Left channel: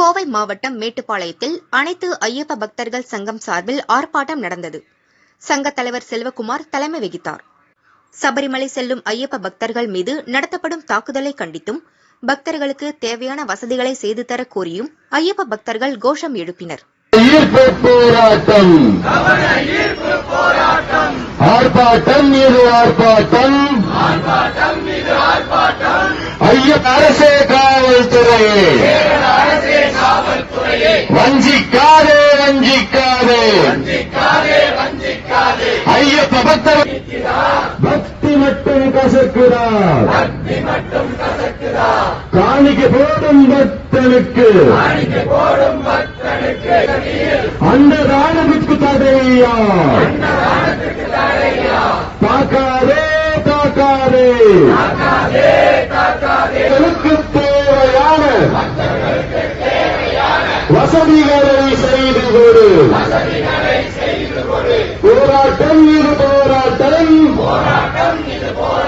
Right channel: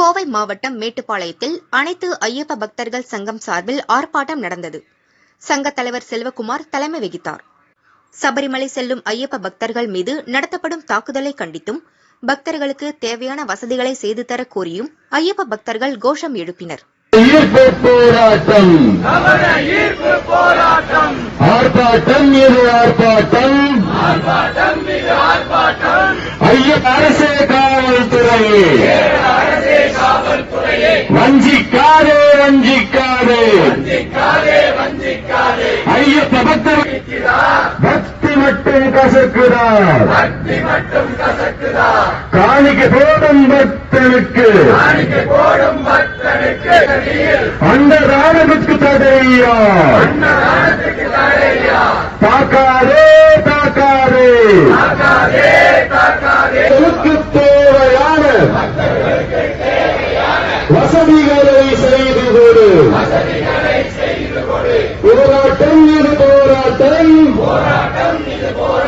கோவை மாவட்டம் மேட்டுப்பாளையத்தில் அனைத்து ஐயப்ப பக்தர்கள் சங்கம் சார்பில் ஆர்ப்பாட்டம் நடந்தது. சங்கத் தலைவர் செல்வகுமார் தலைமை வகித்தார். சபரிமலை செல்லும் ஐயப்ப பக்தர்கள் மீது நடத்தப்படும் தாக்குதலை கண்டித்தும் பக்தர்களுக்கு தேவையான வசதிகளை செய்து தர கோரியும் ஐயப்ப பக்தர்கள் கோஷம் எழுப்பினர். ஈர்ப்பு போராட்டம். ஆர்ப்பாட்டம் மீது ஆர்ப்பாட்டம். ஐய அரசே காவல்துறையே வஞ்சிக்காதே. வஞ்சிக்காதே ஐயப்ப பக்தர். பக்தி மட்டும் கசக்குறார் காணிக்கை போடும் பக்தனுக்கு. அந்த ராணுவத்துக்கு தடையா? தாக்காதே தாக்காதே. மக்களுக்கு தேவையான வசதிகளை செய்து கொடு போராட்டம் இது போராட்டம். போராட்டம் இது போராட்டம்.